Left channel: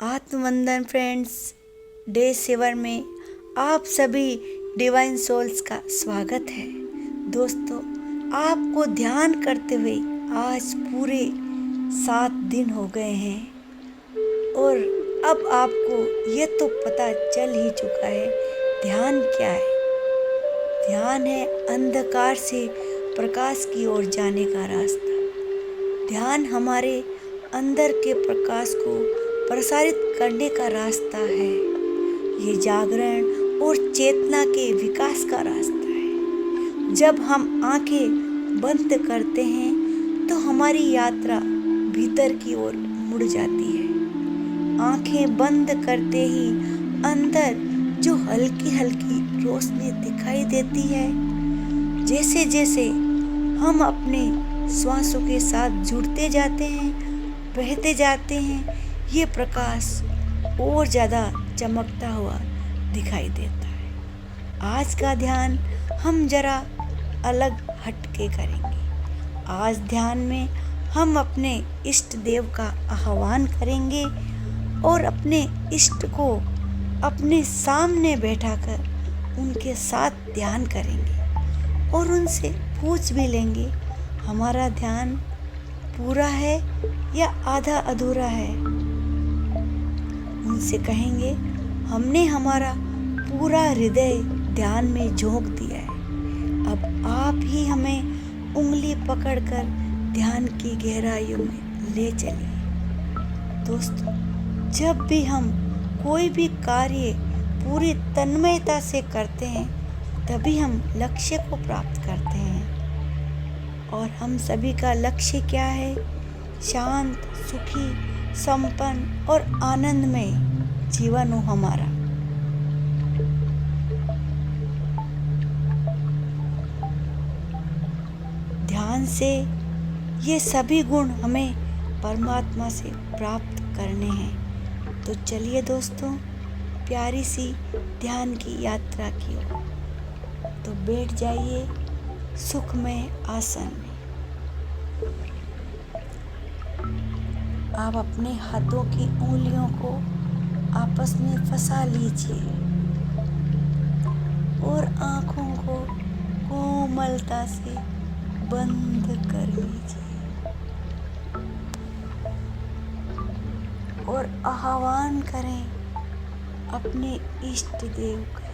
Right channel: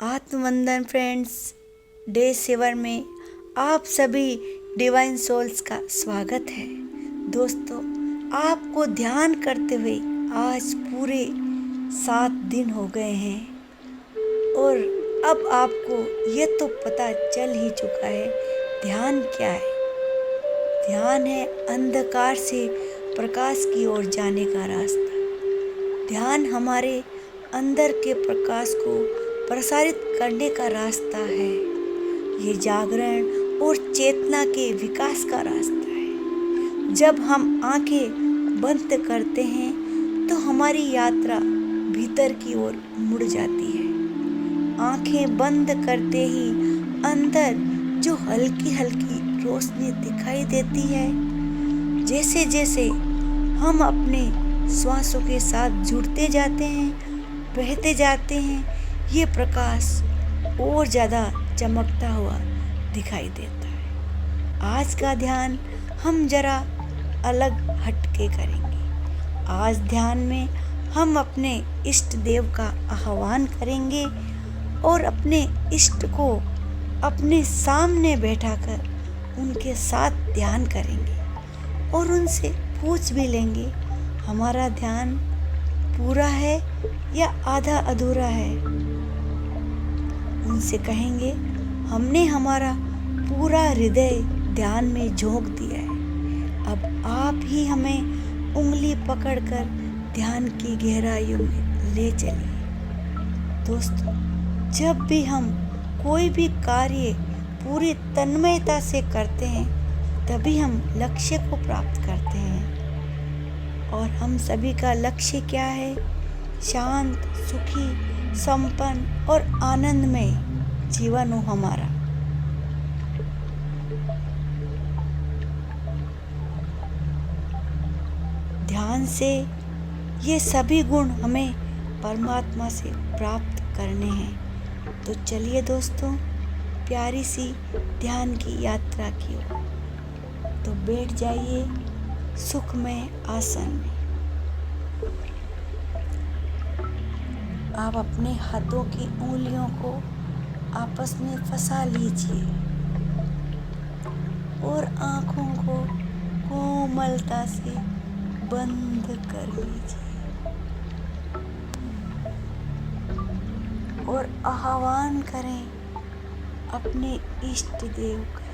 आत्मवंदन friends, day 7 में आप सभी डिवाइन सोल्स का स्वागत है। दोस्तों, आपको ध्यान करते हुए आज पूरे 7 दिन हो गए हैं और अब आपको ये तो पता चल ही चुका है ध्यान क्या है। ध्यान है अंधकार से प्रकाश की ओर जाने का रास्ता। ध्यान हमारे अंदर के प्रकाश को प्रसारित करने का रास्ता है। ये जागरण और चेतना के विकास का रास्ता है। जब हम आंखें बंद करते हैं तो हमारी यात्रा भीतर की ओर मुड़ जाती है। आंखें बंद करते ही अंदर जो हल्की हल्की रोशनी दिखाई देती है, जैसे जैसे हम अपने श्वासों के साथ जुड़ते जाते हैं, बहते जाते हैं, ये प्रकाश और ज़्यादा चमकता हुआ दिखाई देता है। आज का ध्यान हम ज़रा अलग हटके करेंगे। आज ध्यान में हम अपने इष्ट देव का आह्वान करेंगे और अपने इष्ट को अपने सामने बैठाकर उनके साथ ध्यान करेंगे और उनसे पूछ भी लेंगे हमारा ध्यान पूरा है या आधा अधूरा है। उनसे कहेंगे हमने हमारा पूरा हृदय ध्यान में झोंक दिया है, अब आप ही हमें उंगली पकड़कर ध्यान की गहराइयों में ले चलिए। दोस्तों, जब भी हम कोई भी कार्य पूरी तन्मयता से करते हैं तभी हम लक्ष्य को प्राप्त करते हैं। और हम सभी का लक्ष्य क्या है? शांत, सुखी, संपन्न और आनंदमय जीवन हो हमारा। ध्यान से ये सभी गुण हमें परमात्मा से प्राप्त करने हैं। तो चलिए दोस्तों, प्यारी सी ध्यान की यात्रा की ओर। तो बैठ जाइए सुखमय आसन में। आप अपने हाथों की उंगलियों को आपस में फंसा लीजिए और आँखों को कोमलता से बंद कर लीजिए और आह्वान करें अपने इष्ट देव का।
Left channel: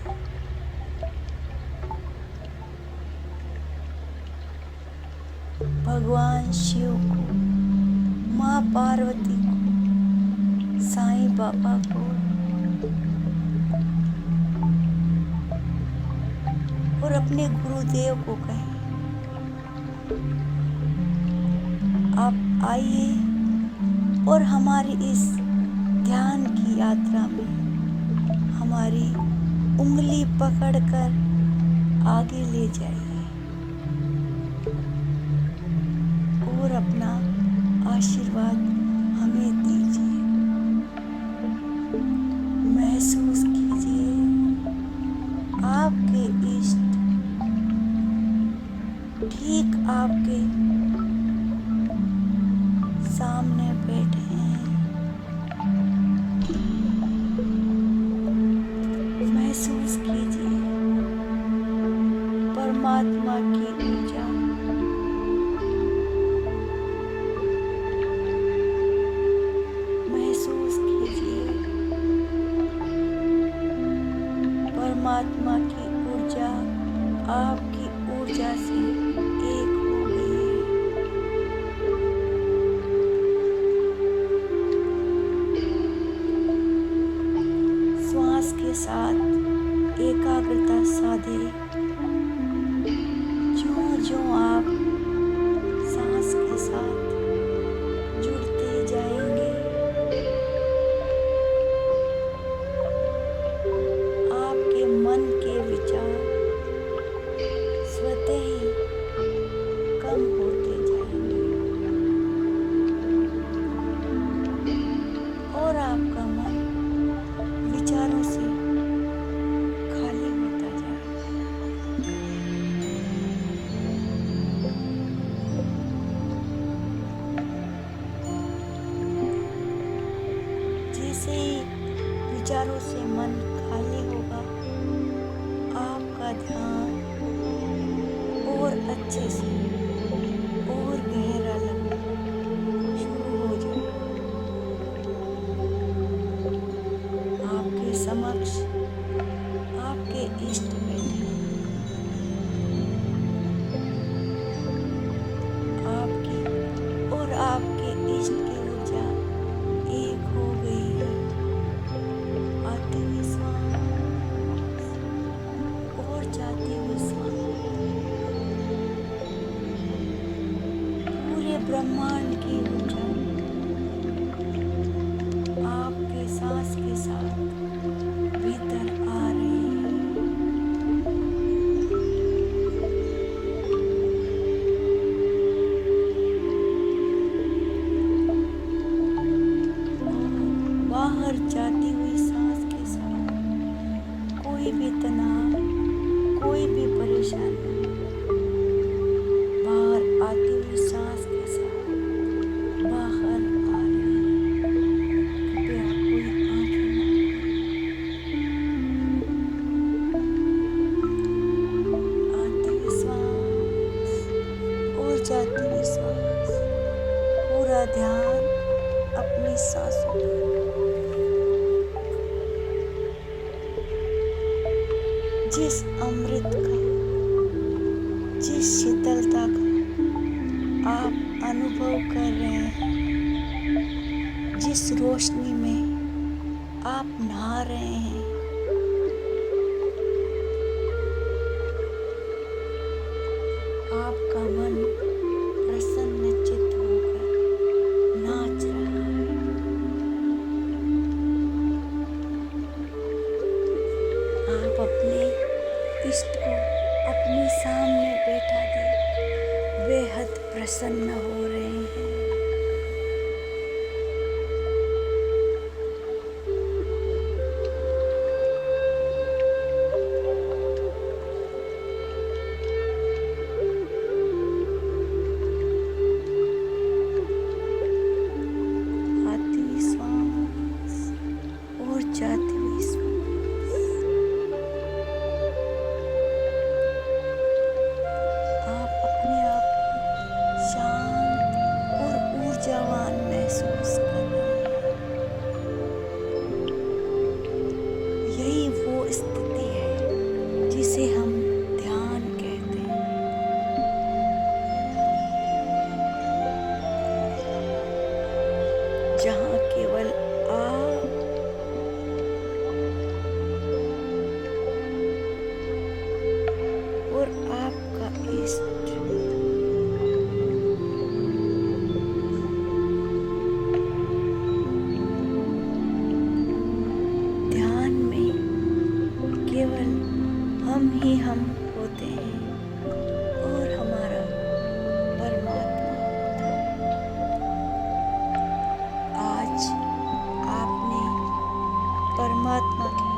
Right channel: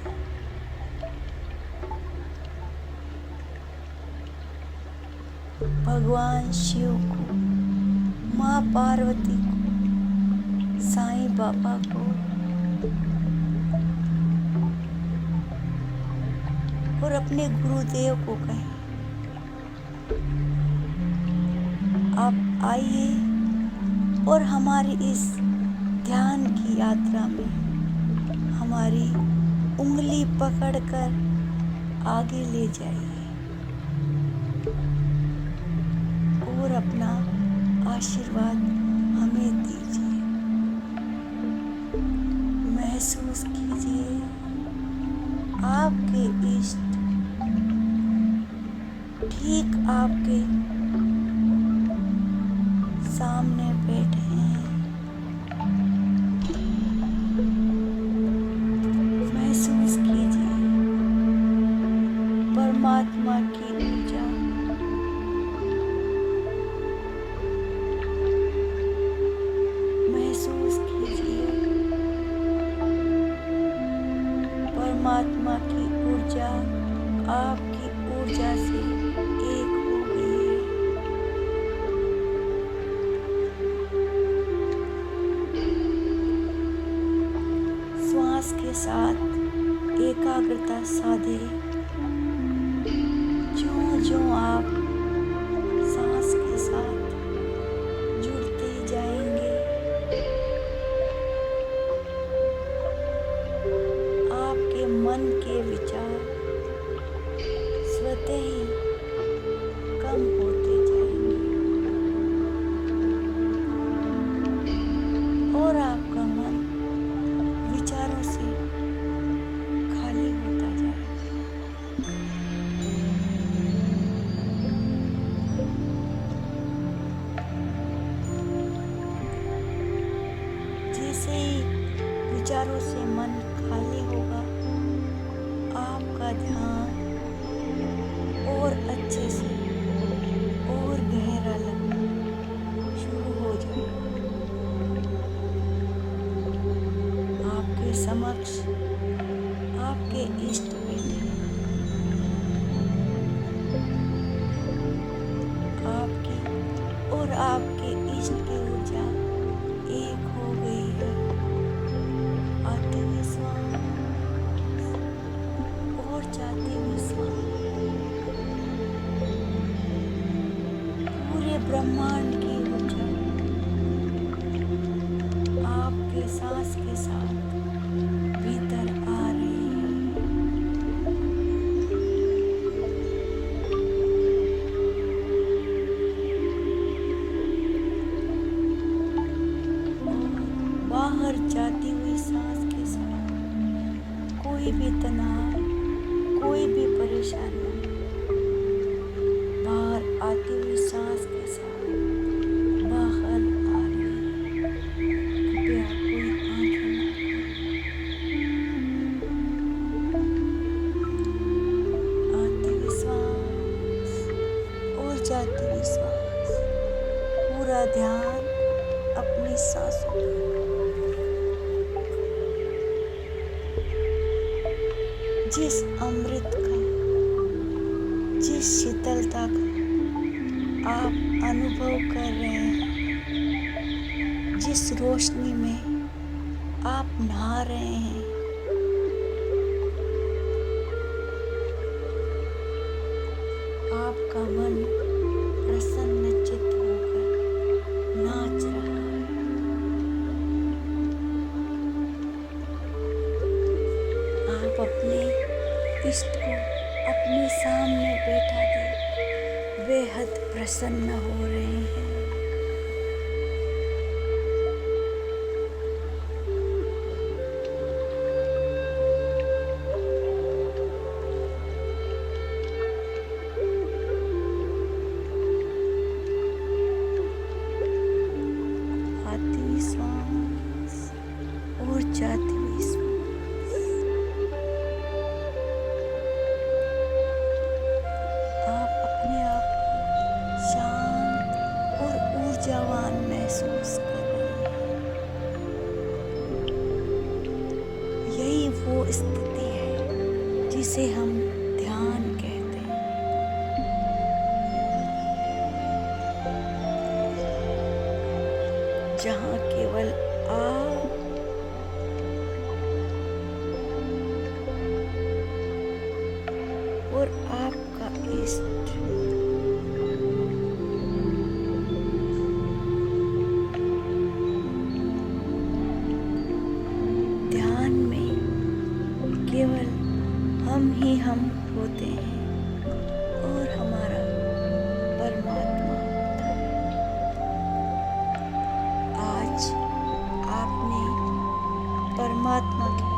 भगवान शिव को, माँ पार्वती को, साईं बाबा को और अपने गुरुदेव को कहें आप आइए और हमारी इस ध्यान की यात्रा में हमारी उंगली पकड़कर आगे ले जाइए और अपना आशीर्वाद हमें दीजिए। महसूस कीजिए आपके इष्ट ठीक आपके सामने बैठे हैं। महसूस कीजिए परमात्मा की ऊर्जा महसूस कीजिए परमात्मा की ऊर्जा आपकी ऊर्जा से एक हो गई है। श्वास के साथ एकाग्रता साधे। ज्यों-ज्यों आप सांस के साथ जुड़ते जाएंगे, आपके मन के विचार स्वतः ही कम होते जाएंगे और आपका मन विचारों से खाली होता जाएगा। जैसे ही विचारों से मन खाली होगा, आपका ध्यान और अच्छे से और गहरा लगना शुरू हो जाए। आपके समक्ष आपके इष्ट बैठे हैं। आपकी और आपके इष्ट की ऊर्जा एक हो गई है। आते हुए श्वास और जाते हुए श्वास पूरे ब्रह्मांड की ऊर्जा आपके सांस के साथ भीतर आ रही है। और बाहर जाती हुई सांस के साथ कोई भी तनाव, कोई भी परेशानी बाहर आती हुई सांस के साथ बाहर आ रही है। कृपया कोई आंखें ना खोलें। आती हुई श्वास और जाती हुई श्वास, पूरा ध्यान अपनी सांसों पर। जिस अमृत का, जिस शीतलता का आप अनुभव कर रहे हैं, जिस रोशनी में आप नहा रहे हैं, आपका मन प्रसन्नचित्त होकर नाच रहा है। आप अपने इष्ट को अपने सामने बैठा देख बेहद प्रसन्न हो रहे हैं। आती हुई श्वास और जाती हुई श्वास, आप अपने आप को शांत और ऊर्जावान महसूस कर रहे हैं। यही वो स्थिति है जिसे हम ध्यान कहते हैं। जहाँ केवल आप और आपका इष्ट ध्यान में केवल हम ही हम होते हैं और हमारा परमात्मा होता है। आज आपने परमात्मा के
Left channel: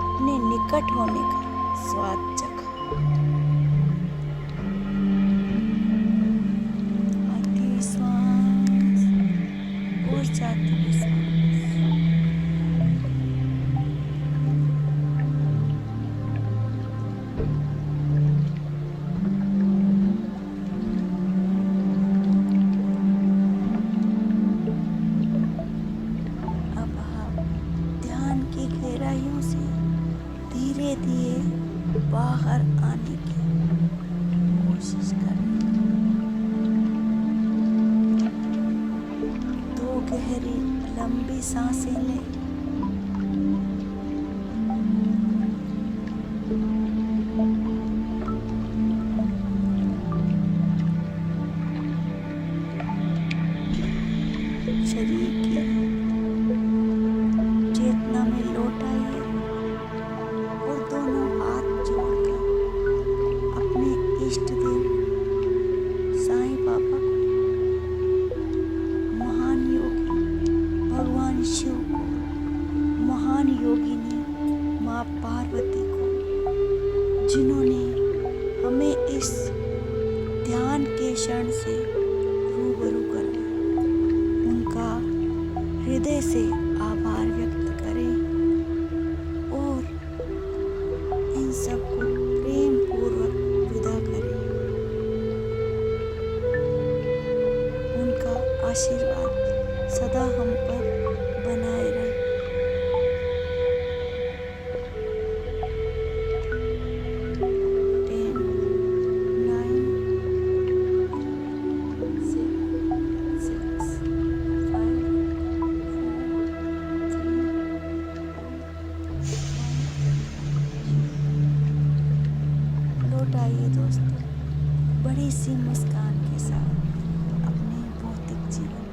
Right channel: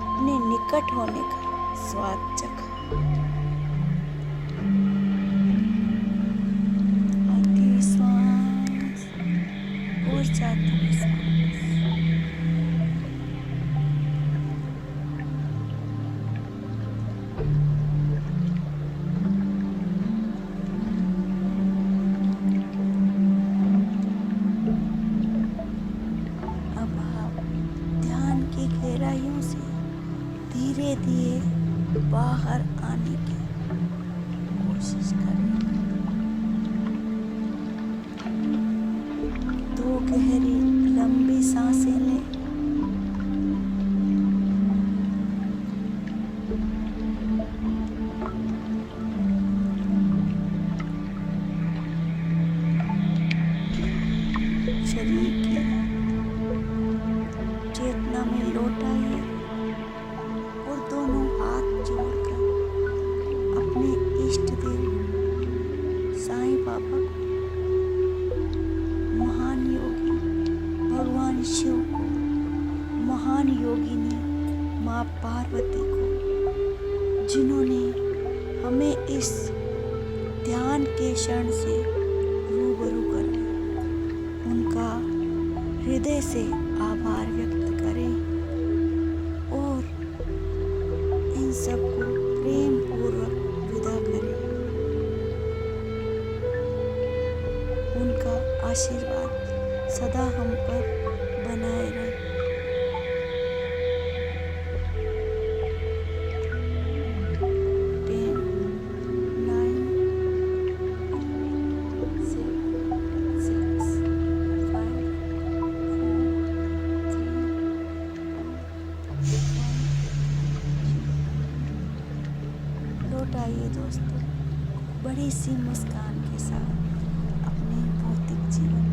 अपने निकट होने का स्वाद चखा। आती हुई श्वास और जाती हुई श्वास, अब आप ध्यान की गहराइयों से धीरे धीरे बाहर आने की कोशिश करें। दो गहरी लंबी सांसें लें। शरीर की चेतना में लौट आइए और दोनों हाथ जोड़कर अपने इष्ट देव साईं बाबा को, महान योगी भगवान शिव को, महान योगिनी माँ पार्वती को, जिन्होंने हमें इस ध्यान के क्षण से रूबरू कराया, उनका हृदय से आभार व्यक्त करें और इन सबको प्रेम पूर्वक विदा करें। उनका आशीर्वाद सदा हम पर बनाए रहे। लौट आइए दोस्तों बड़ी सी मुस्कान के साथ अपने भौतिक जीवन